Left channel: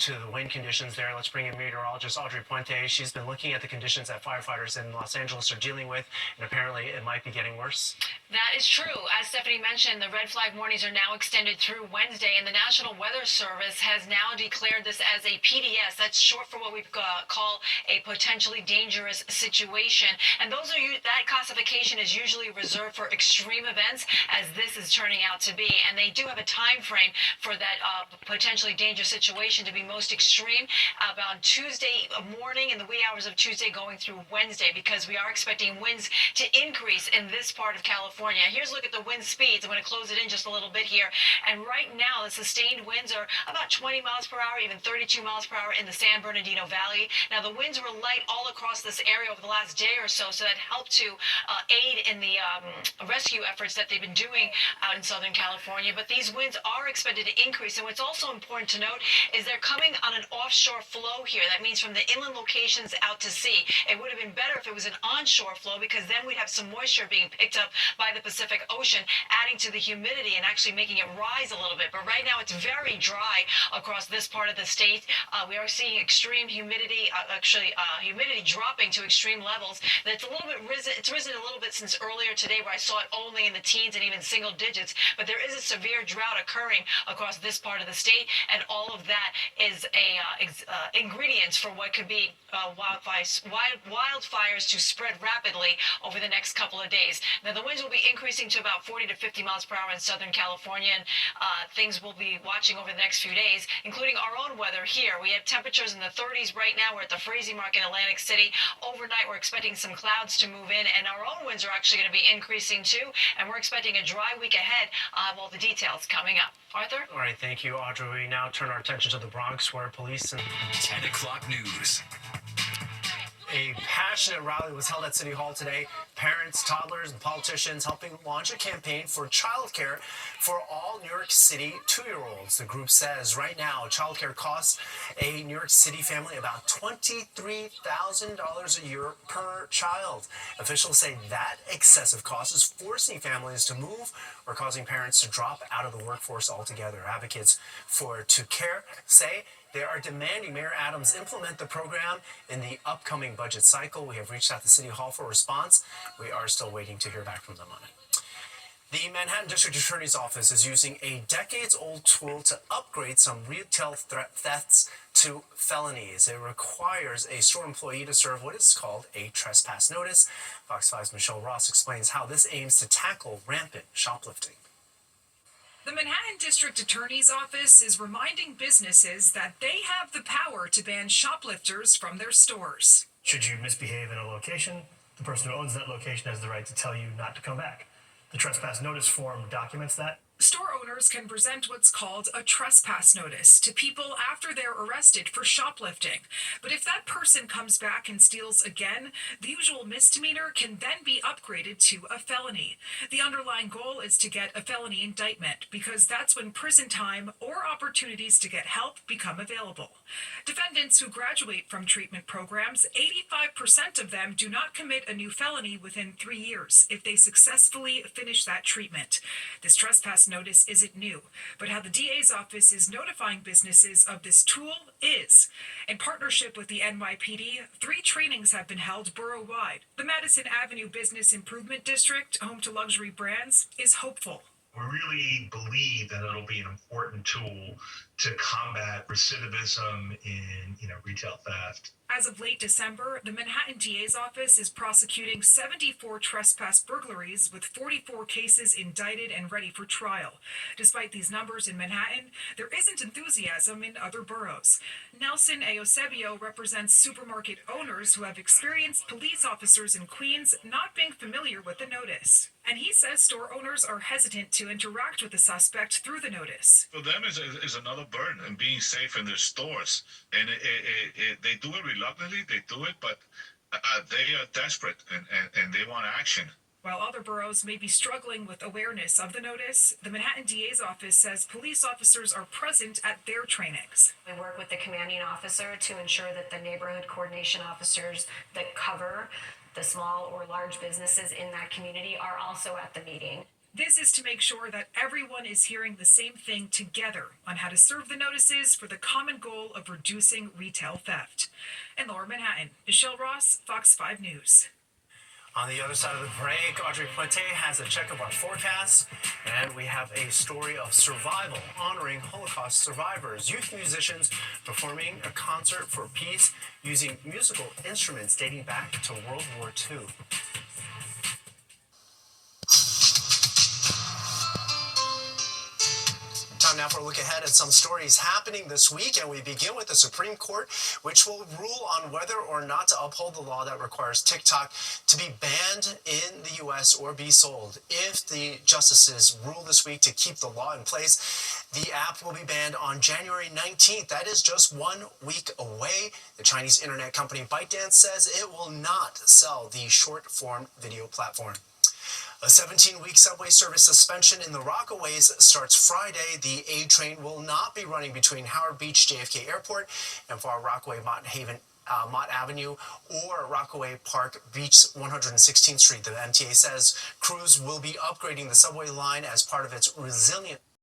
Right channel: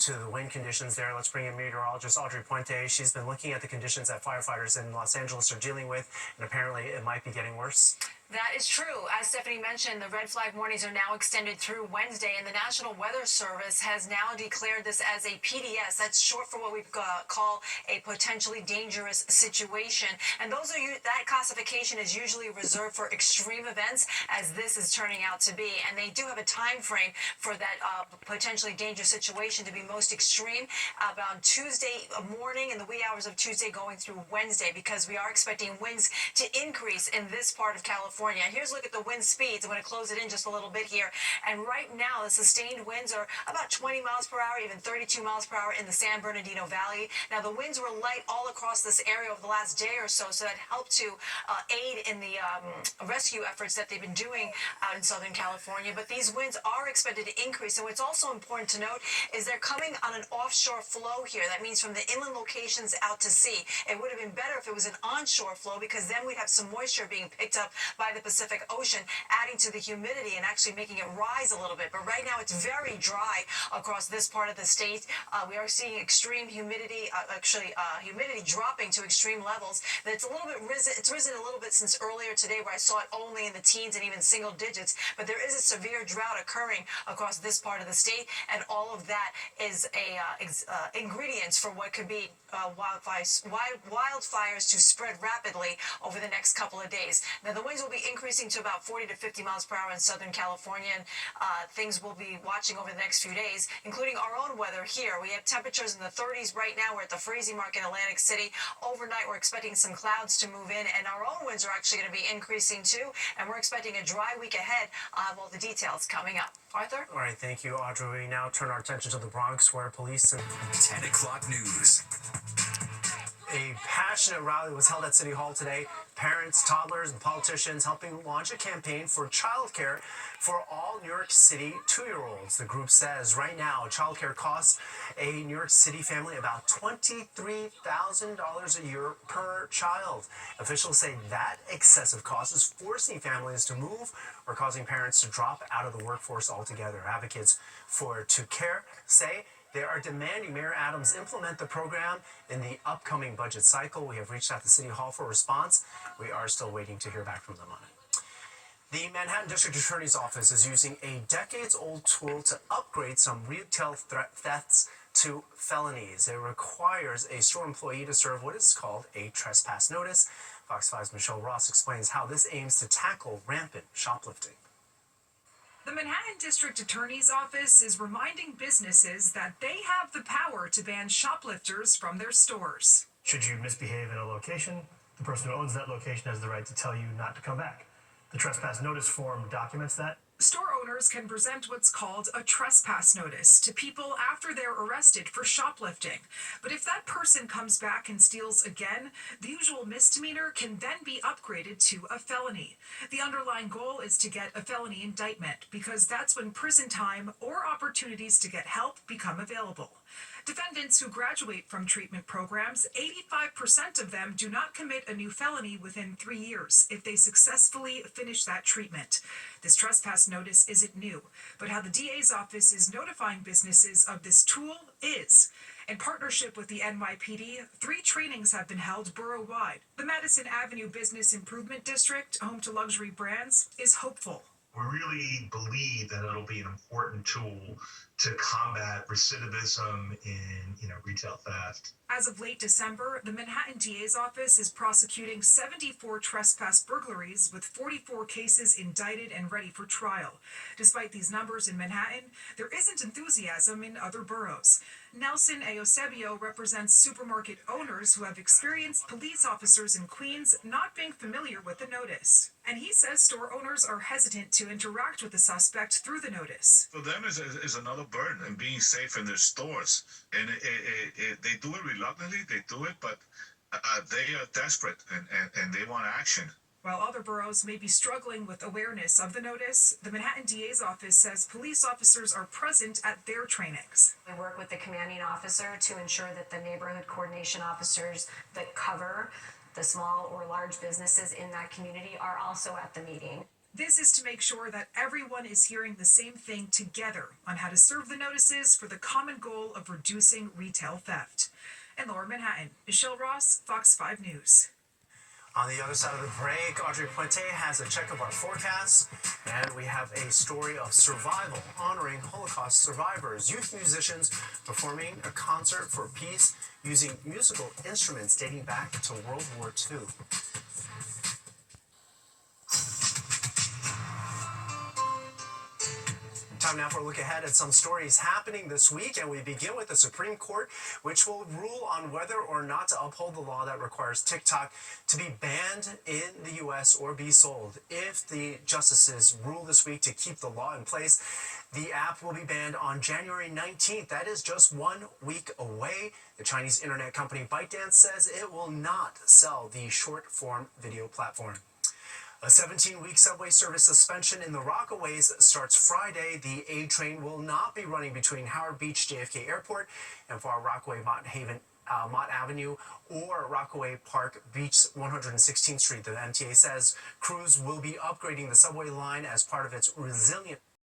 to the wind conditions there. Let's bring in meteorologist Audrey Puente. She's been looking at the conditions that firefighters in Los Angeles are dealing with, and apparently it might be getting worse. That is true. As Stephanie mentioned, the red flag warnings are now extended through Wednesday, and the National Weather Service has now declared this as a PDS. That's short for what we call a potentially dangerous situation. And that classification is usually reserved for extreme events, as this is turning out to be. And they do have a time frame for that potentially dangerous situation to be most extreme about Tuesday morning, in the wee hours of Tuesday going through Wednesday, because we are expecting winds to increase in this part of California. Here's a look at the wind speeds. I'm going to close it in just a little bit here. And right now, the sustained winds are about 20 miles per hour, even 32 miles per hour in the San Bernardino Valley. Now, the winds were light all across this area over the last day or so, so that helped to aid in the rescue efforts that they've been doing out in Southern California. But these winds are expected to increase. And what's also important to note is they're coming on an offshore flow here. That means from the inland locations out to sea. It would have been better if it was an onshore flow, because then we'd have some moisture being picked up by the Pacific Ocean, adding to the humidity and actually making it rise a little bit. But right now it's very dry across this part of the state. We are seeing extreme humidity, humidity dropping to extreme levels. It's a little bit risen. It's risen a little bit since earlier today, where I saw it only in the teens and even single digits. But there is a severe drought occurring across this part of the state, and all of that is ingredients for what could be wildfires to spread rapidly over the next couple of days. Now, the winds will be increasing to about 40 to 50 miles per hour in Southern California, and things we'll be watching over the next few days, including our own weather here. We have temperatures in the 30s right now. We're at the freezing mark in Atlantic City. Overnight, we're expecting some clouds to move in, and our own winds are actually going to be increasing too, and we're expecting a dry week ahead. I'll have all the details coming up. Arthur? All right, thank you, Audrey. We now turn our attention to the Bronx, where police and 10 o'clock news. A passionate rally was held at City Hall today. Parents, toddlers, and politicians helping launch a campaign for childcare for all New York City 2-year-olds. The group says right now, childcare costs a New York City family about $23,000 a year per child. Officials say that excessive cost is forcing families to move or causing parents to drop out of the workforce altogether. Advocates for To Care say they are demanding Mayor Adams implement the program in the upcoming budget cycle. We have reached out to City Hall for a response. We are still waiting to hear back from them on it. The Manhattan District Attorney's Office is using a decades-old tool to upgrade some retail thefts to felonies. It requires a store employee to serve what is called a trespass notice. Fox 5's Michelle Ross explains how this aims to tackle rampant shoplifting. The Manhattan District Attorney's Office is reminding businesses that they have the power to ban shoplifters from their stores. Should you misbehave in a location, the person who owns that location has the right to tell you not to come back. The trespass notice form documents that. Store owners can present what's called a trespass notice to people after they're arrested for shoplifting. But if that person comes back and steals again, the usual misdemeanor can then be upgraded to a felony. The underlying goal is to get a felony indictment, because that's when prison time or opportunities to get help become available. Defendants who graduate from treatment programs, 85% of them do not commit a new felony within 3 years if they successfully finish that treatment. This trespass notice isn't new, but how the DA's office is notifying businesses of this tool is. In partnership with the NYPD, 3 trainings have been held borough-wide. The Madison Avenue Business Improvement District, home to luxury brands, is hopeful. We really believe that it'll be an important tool to combat recidivism in, retail theft. As of late December, the Manhattan DA's office is prosecuting 74 trespass burglaries, with 44 cases indicted and ready for trial. Despite these numbers in Manhattan, there isn't enthusiasm in other boroughs. Nelson Eusebio represents supermarket owners who have experienced police officers in Queens not being familiar with the notice. And he says store owners are hesitant to interact with the suspect through the notice. For them, is another burden and being safe in their stores. And they do it reluctantly, they do it, but they are desperate and they want action. While other boroughs may be struggling with awareness of the notice, the Manhattan DA's office says police officers are present at their trainings. We work with the commanding officer to ensure that the neighborhood coordination officers that cover the small or large businesses in that community are also at the meeting. This is to make sure that everyone is hearing the same thing together on how to serve the notices for the common goal of reducing retail theft. In Lower Manhattan, Michelle Ross, Fox 5 News. On the other side of the break, Audrey Puente has a check of our forecast, and we have a story of survival honoring Holocaust survivors. Youth musicians performing a concert for peace using musical instruments dating back to World War II. Time now for a look ahead at some stories happening this week, and we begin with the Supreme Court, which will rule on whether or not to uphold the law that requires TikTok to be banned in the U.S. or be sold. If the justices rule this week to keep the law in place, the app will be banned on January 19th. That is just 1 week away. The Chinese internet company ByteDance says it will not sell the short-form video platform. A 17-week subway service suspension in the Rockaways starts Friday. The A train will not be running between Howard Beach JFK Airport and Far Rockaway Mott Avenue or Rockaway Park Beach 116th Street. The MTA says crews will be upgrading the subway line as part of its resilient